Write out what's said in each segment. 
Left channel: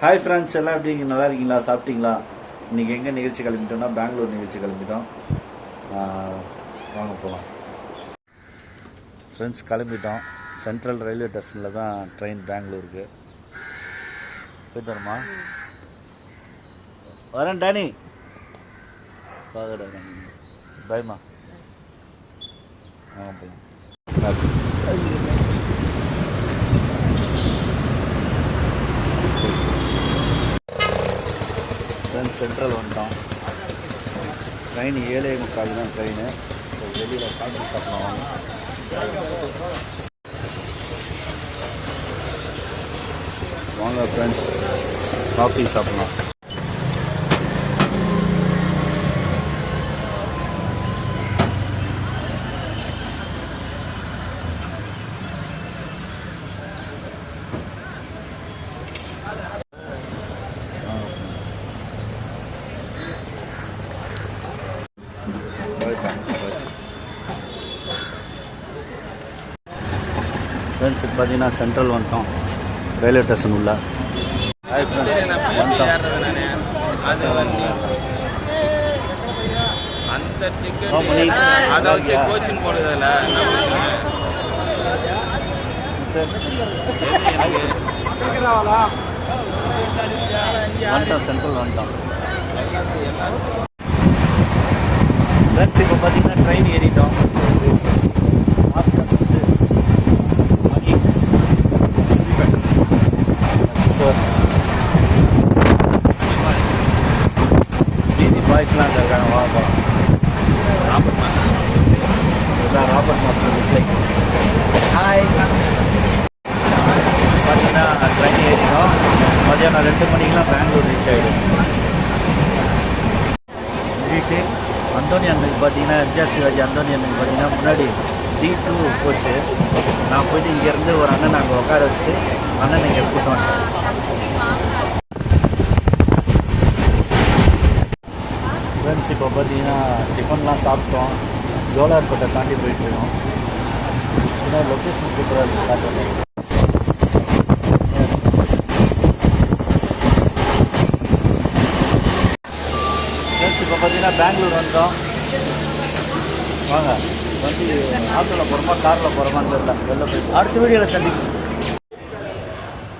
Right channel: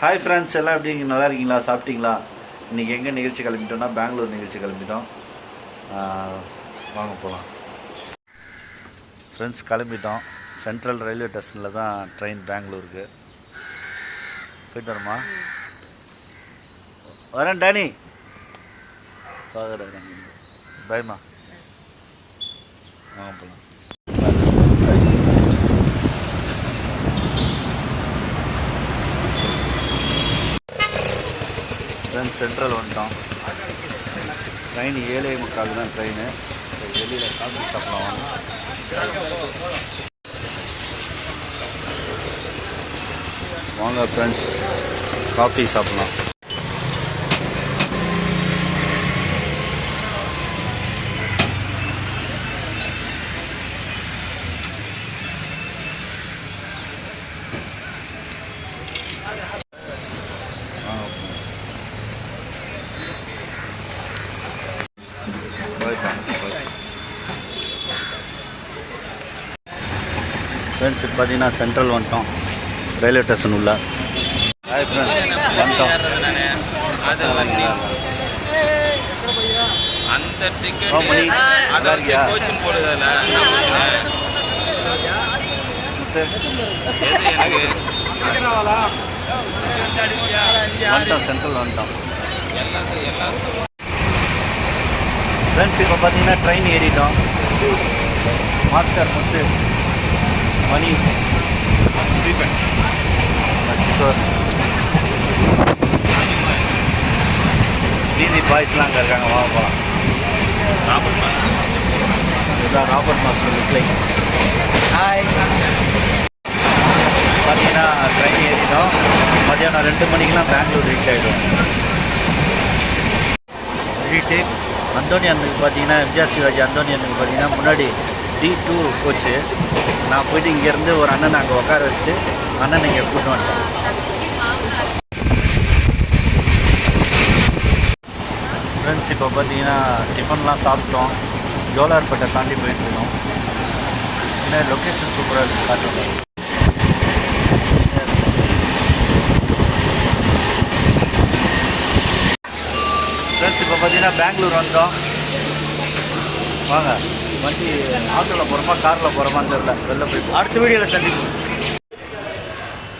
Hi friends எல்லாம் எப்படி நீங்கள் நல்லா இருக்கீங்களா? சாப்பிட்டீங்களா? இன்றைக்கி எங்கே நிகழ்ச்சி கிளம்பிட்டோம்னா பெங்களூர் நிகழ்ச்சி கிளம்பிட்டோம். வாங்க போகலாம் ஃப்ரெண்ட்ஸ் கிளம்பிட்டோம். சென்ட்ரல் ரயில்வே ஸ்டேஷனில் தான் ட்ரெயின் பெங்களூருக்கு. போயிட்டு வரமா? வரேன் டேனி. பார்க்குறேன் பயமா வாங்க போகலாம் ஃப்ரெண்ட்ஸ் சென்ட்ரல் வந்துட்டோம். ட்ரெயின் ஏழே முக்கால் தான் ட்ரெயின் வெளியில் காஃபி சாப்பிடலாம் வாங்க. வாங்க ஃப்ரெண்ட்ஸ் காஃபி சாப்பிடலாம் வாங்க ஃப்ரெண்ட்ஸ் இப்போ பார்த்தீங்கன்னா சென்ட்ரல் வந்துட்டோம். ரயில்வே ஸ்டேஷன் உள்ள. ஹாய் ஃப்ரெண்ட்ஸ் வந்துட்டோம். அந்த வந்துட்டோம் சென்ட்ரல் வந்துட்டோம். ஃப்ரெண்ட்ஸ் இப்போ பார்த்தீங்கன்னா ட்ரெயின் ஏறிட்டோம். மாஸ்டர் வந்து மணி ஸ்ரீபன் கிஷோர் டிவி பாய்ஸ்லாம் அங்கே இருக்காங்க வாங்க போகலாம் இதுதான் ராபர்ட் மாஸ்டர் ரிப்ளை ஹாய் பார்த்தீங்கன்னா ட்ரெயின் ஏறிட்டோம். மதியானம் ரெண்டு மணிக்கெலாம் பெங்களூர் ரீச் ஆகிடும் வீட்டு அந்தோனி அண்ணனுக்கு பார்த்தீங்கன்னா எம்ஜிஆர் சிவாஜி அந்தோனி அண்ணனுக்கு பார்த்தீங்கன்னா முன்னாடி டி டூ கோச்சு நான் போயிட்டு இங்கேருந்து ஒரு அண்ணன் அங்கே உட்கார வச்சுட்டு அண்ணன் இங்கே கூட்டு வந்துட்டேன். ஃப்ரெண்ட்ஸ் இப்போ பார்த்தீங்கன்னா டிஃபன்லாம் சாப்பிட்டோம். ஜோலார்பேட்டை தாண்டி போயிட்டு இருக்கோம். ஏன்னா லொக்கேஷன் சூப்பராக இருக்குது காட்டுறோம் ஃப்ரெண்ட்ஸ் இப்போ பார்த்தீங்கன்னா பெங்களூர் வந்தோம். வாங்க. வண்டி ஆட்டோவில் போகிறோமா காரில் போகிறோமான்னு தெரியல. வெளில போய் அடுத்த வீடியோவில் சந்திப்போம்.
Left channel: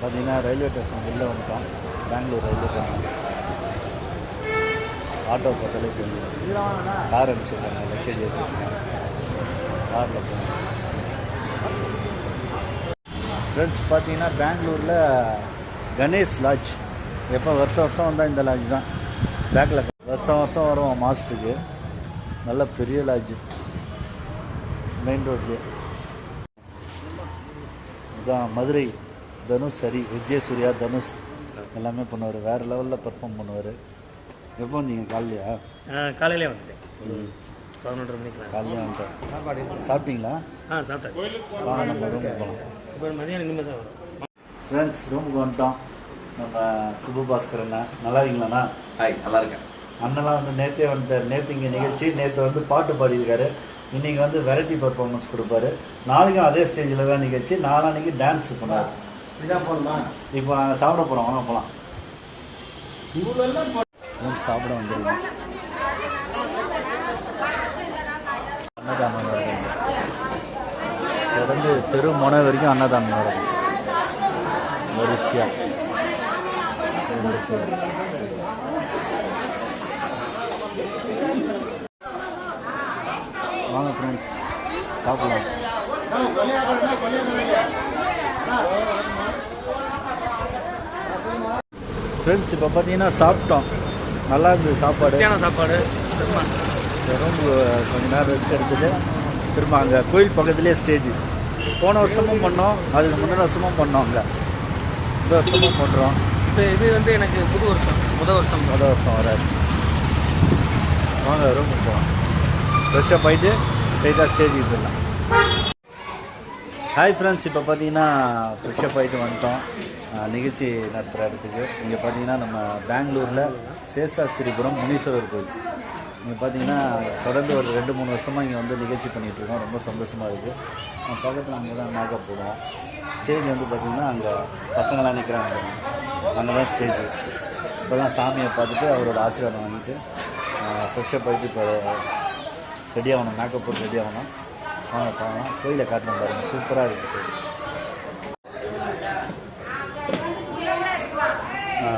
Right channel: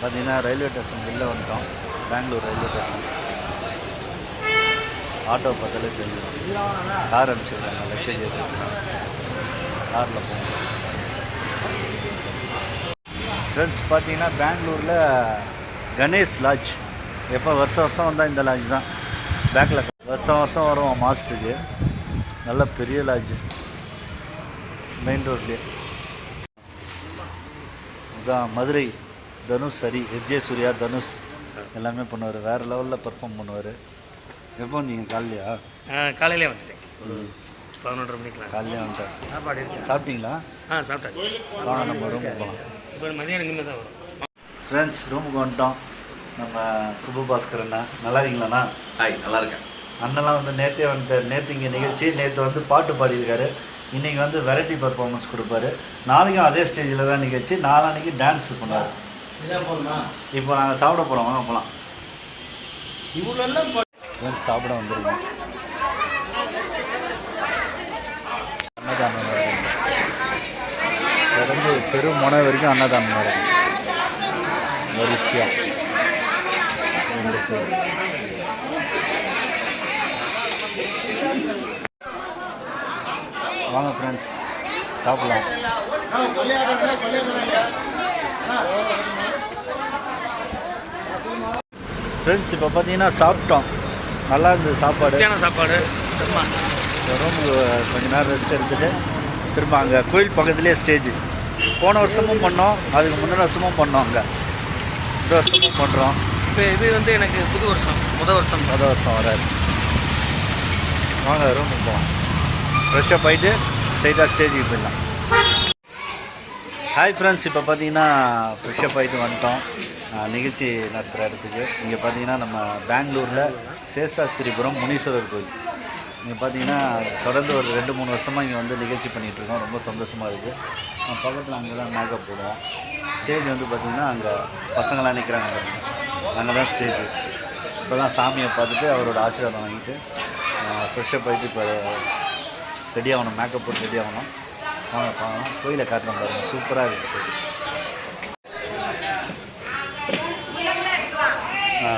பார்த்தீங்கன்னா ரயில்வே ஸ்டேஷன் வெளில வந்துட்டோம். Bangalore railway station. ஆட்டோ பார்த்தாலே தெரிஞ்சிடும். கார் அனுப்பிச்சிருக்காங்க லக்கேஜ் ஏற்றிருக்காங்க காரில் போகணும். ஃப்ரெண்ட்ஸ் பார்த்தீங்கன்னா பெங்களூரில் கணேஷ் லாட்ஜ் எப்போ வருஷம் வருஷம் வந்தால் இந்த லாட்ஜ் தான். பேக்கில் வருஷம் வருஷம் வரும் மாஸ்டருக்கு. நல்ல பெரிய லாட்ஜ் மெயின் ரோட்லேயே இதான் மதுரை தனுஷ் சரி எஸ்ஜே சூர்யா தனுஷ் எல்லாமே பண்ணுவார். வேறு லெவலில் பர்ஃபார்ம் பண்ணுவார். எப்போ வந்தீங்க? காலையிலையா? ஆ காலையிலே வந்துட்டேன். ஒரு பதினொன்றரை மணிக்கெலாம் காலையிலே வந்துட்டேன். சாப்பாடு இருக்கு. சாப்பிட்டீங்களா? ஆ சாப்பிட்டாச்சு. வாங்க நம்ம ரூமுக்கு போகலாம். இப்போ மதியானம் இனிமேல் தான் வரும். ஃப்ரெண்ட்ஸ் ரூமுக்கு வந்துட்டோம். நம்ம சுபபாஸ்கர் அண்ணா. நல்லா இருக்கீங்களாண்ணா? ஹாய் நல்லா இருக்கேன். அண்ணெல்லாம் வந்து நேற்றே வந்துட்டார். நேற்று இங்கே நிகழ்ச்சி. நேற்று வந்து பாட்டு பாடியிருக்காரு. இன்றைக்கி வந்து வெரைட்டி பர்ஃபார்மன்ஸ் கொடுப்பாரு. நாளைக்கும் அதே ஸ்டேஜில் தான் நிகழ்ச்சி. நாளான்னைக்கு டான்ஸ் பண்ணுவார். இப்போ நாங்கள் சாப்பிட போகிறோம் வாங்க போகலாம் சாப்பிட வந்துருக்கோம் அன்னதானம் தொடர்ந்து தெரு முனை வரைக்கும் அன்னதானம் நடக்கும் வரிசையாக ரெண்டு வாங்க ஃப்ரெண்ட்ஸ் சாப்பிடலாம். ஃப்ரெண்ட்ஸ் இப்போ பார்த்தீங்கன்னா சாப்பிட்டோம். நல்லா இருந்தது சாப்பாடு. சாப்பாடு. செம்ம. ரூமுக்கு கொஞ்ச நேரம் ரெஸ்ட் எடுத்துட்டு திரும்ப அங்கே கோயில் பக்கத்துலேயே ஸ்டேஜ் போன வருஷமும் பண்ணோம் அதுக்கு முந்தின வருஷமும் பண்ணோம் அங்கே. இந்த வருஷமும் பண்ணுறோம் இப்போ இது வந்து எனக்கு புது வருஷம் முத வருஷம். முத வருஷம் வராது. வாங்க ரூமுக்கு போகலாம் ஃப்ரெஷ்ஷப் ஆகிட்டு ஸ்ட்ரைட்டாக ஸ்டேஜுக்கு போயிடலாம். ஹாய் ஃப்ரெண்ட்ஸ் இப்போ பார்த்தீங்கன்னா ஃப்ரெஷ்ஷப் ஆகிட்டு வந்துட்டோம். நிகழ்ச்சி நடத்துகிற இடத்துக்கு. இங்கே பார்த்தீங்கன்னா நம்ம பெங்களூரில் சேஷாஸ்திரிபுரம் முனீஸ்வரர் கோயில். இங்கே பார்த்தீங்கன்னா தொடர்ந்து ஒரு ரெண்டு மூணு வருஷமாக இங்கே வந்து நிகழ்ச்சி பண்ணிகிட்ருக்கோம் ரொம்ப சந்தோஷமாக இருக்குது பக்கத்தில் அங்கே தான் மேக்கப் போடுவோம். ஸ்டேஜ் வந்து பார்த்திங்கன்னா அங்கே பசங்களாம் நிற்கிறாங்க அங்கே தான் ஸ்டேஜ் இப்போ தான் சாமியை பார்த்துட்டு அவரோட ஆசீர்வாதம் வாங்கிட்டு ஃப்ரெஷ்ஷப் ஆகிட்டு இப்போ ரெடி ஆகணும் மேக்கப் போட்டு ரெடி ஆகணும். வாங்க பார்க்கலாம். கோயிலை காட்டணும் பாருங்கள் சூப்பராக இருக்குது ஆ.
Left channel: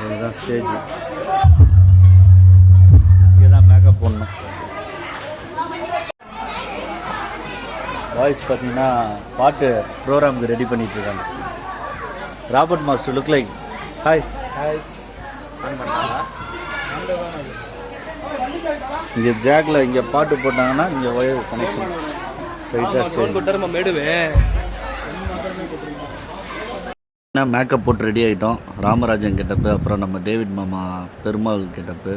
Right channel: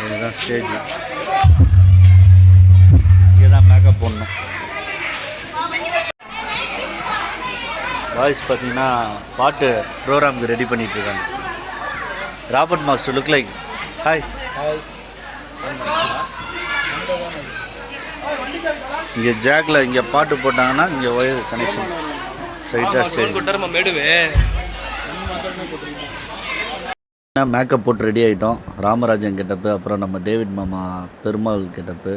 இதுதான் ஸ்டேஜ் இங்கே தான் மேக்கப் போடணும். வாய்ஸ் பார்த்தீங்கன்னா பாட்டு ப்ரோக்ராமுக்கு ரெடி பண்ணிட்டு இருக்காங்க Robert master look like hi இங்கே ஜாக்கில் இங்கே பாட்டு போட்டாங்கன்னா இங்கே ஒயர் கனெக்ஷன் ஸ்ட்ரைட்டாக ஸ்டேஜ் மேக்கப் போட்டு ரெடி ஆகிட்டோம் ராமராஜன் கெட்டப்பு அப்புறம் நம்ம டேவிட் மாமா பெருமாள் கெட்டப்பு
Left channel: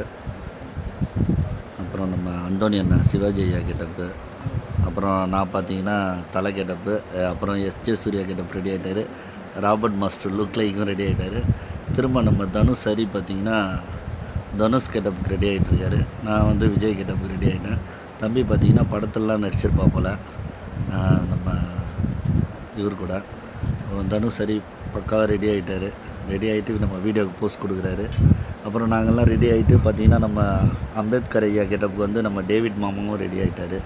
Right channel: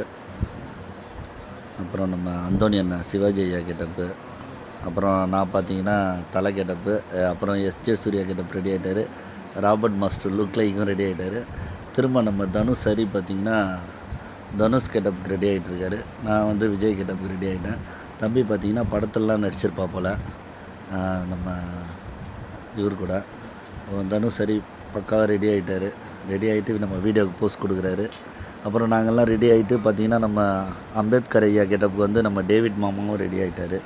அப்புறம் நம்ம அந்தோனி அண்ணா சிவாஜி ஐயா கெட்டப்பு. அப்புறம் நான் பார்த்தீங்கன்னா தலை கெட்டப்பு அப்புறம் S J Suriya getup ready ஆகிட்டார் ராபர்ட் மாஸ்டர் லுக் லைக்கும் ரெடி ஆகிட்டார் திரும்ப நம்ம தனுஷ் சரி பார்த்தீங்கன்னா தனுஷ் கெட்டப்புக்கு ரெடி ஆகிட்டுருக்காரு நான் வந்து விஜய் கெட்டப்புக்கு ரெடி ஆகிட்டேன் தம்பி பார்த்தீங்கன்னா படத்துலலாம் நடிச்சிருப்பா போல். நம்ம இவர் கூட. அப்புறம் தனுஷ் சரி பக்காவாக ரெடி ஆகிட்டாரு ரெடி ஆகிட்டு நம்ம வீடியோக்கு போஸ்ட் கொடுக்குறாரு. அப்புறம் நாங்கள்லாம் ரெடி ஆகிட்டு பார்த்திங்கன்னா நம்ம அம்பேத்கர் ஐயா கெட்டப்புக்கு வந்து நம்ம டேவிட் மாமாவும் ரெடி ஆகிட்டாரு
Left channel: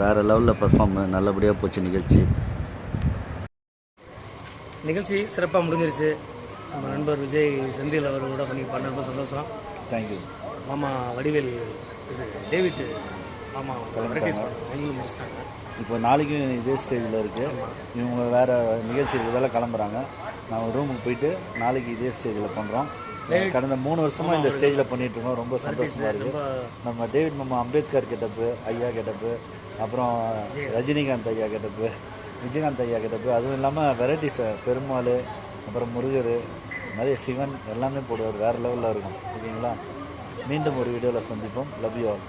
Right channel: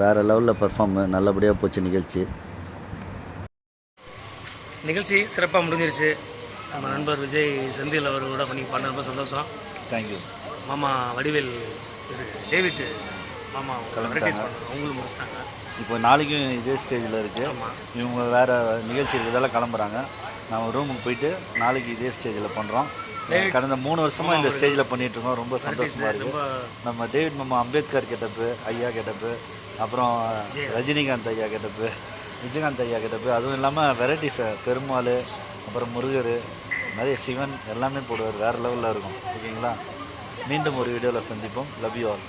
வேறு லெவலில் பர்ஃபார்ம் நல்லபடியாக போச்சு நிகழ்ச்சி. நிகழ்ச்சி சிறப்பாக முடிஞ்சிருச்சு. நம்ம நண்பர் விஜய் செந்தில் அவர் கூட பண்ணி பண்ண ரொம்ப சந்தோஷம். தேங்க்யூ மாமா வடிவேல் இது டேவிட் மாமா வெரைட்டிஸ் பண்ண அவங்களும் முடிச்சிட்டாங்க. இப்போ நாளைக்கும் இதே ஸ்டேஜில் இருக்குது ஆமாம் இவங்க வேறு நிகழ்ச்சி இருக்கிறதால கிளம்புறாங்க. நான் ரூமுக்கு போயிட்டு நாளைக்கு இதே ஸ்டேஜில் பண்ணுறோம் கடந்த மூணு வருஷமாக இந்த ஸ்டேஜில் பண்ணிட்டு இருக்கோம். ரொம்ப சந்தோஷமாக இருக்குது ரொம்ப நம்ம டேவிட் மாமா அம்பேத்கர் கெட்டப்பு ஐயா கெட்டப்பு அப்புறம் ரஜினிகாந்த் ஐயா கெட்டப்பு விஜயகாந்த் ஐயா கெட்டப்பு. அதுவும் இல்லாமல் வெரைட்டிஸை பெருமாள் அப்புறம் முருகர் நிறைய சிவன் எல்லாமே போடுவார். வேறு லெவலில் இருக்கும். ஓகேங்களா? மீண்டும் ஒரு வீடியோவில் சந்திப்போம். Love you all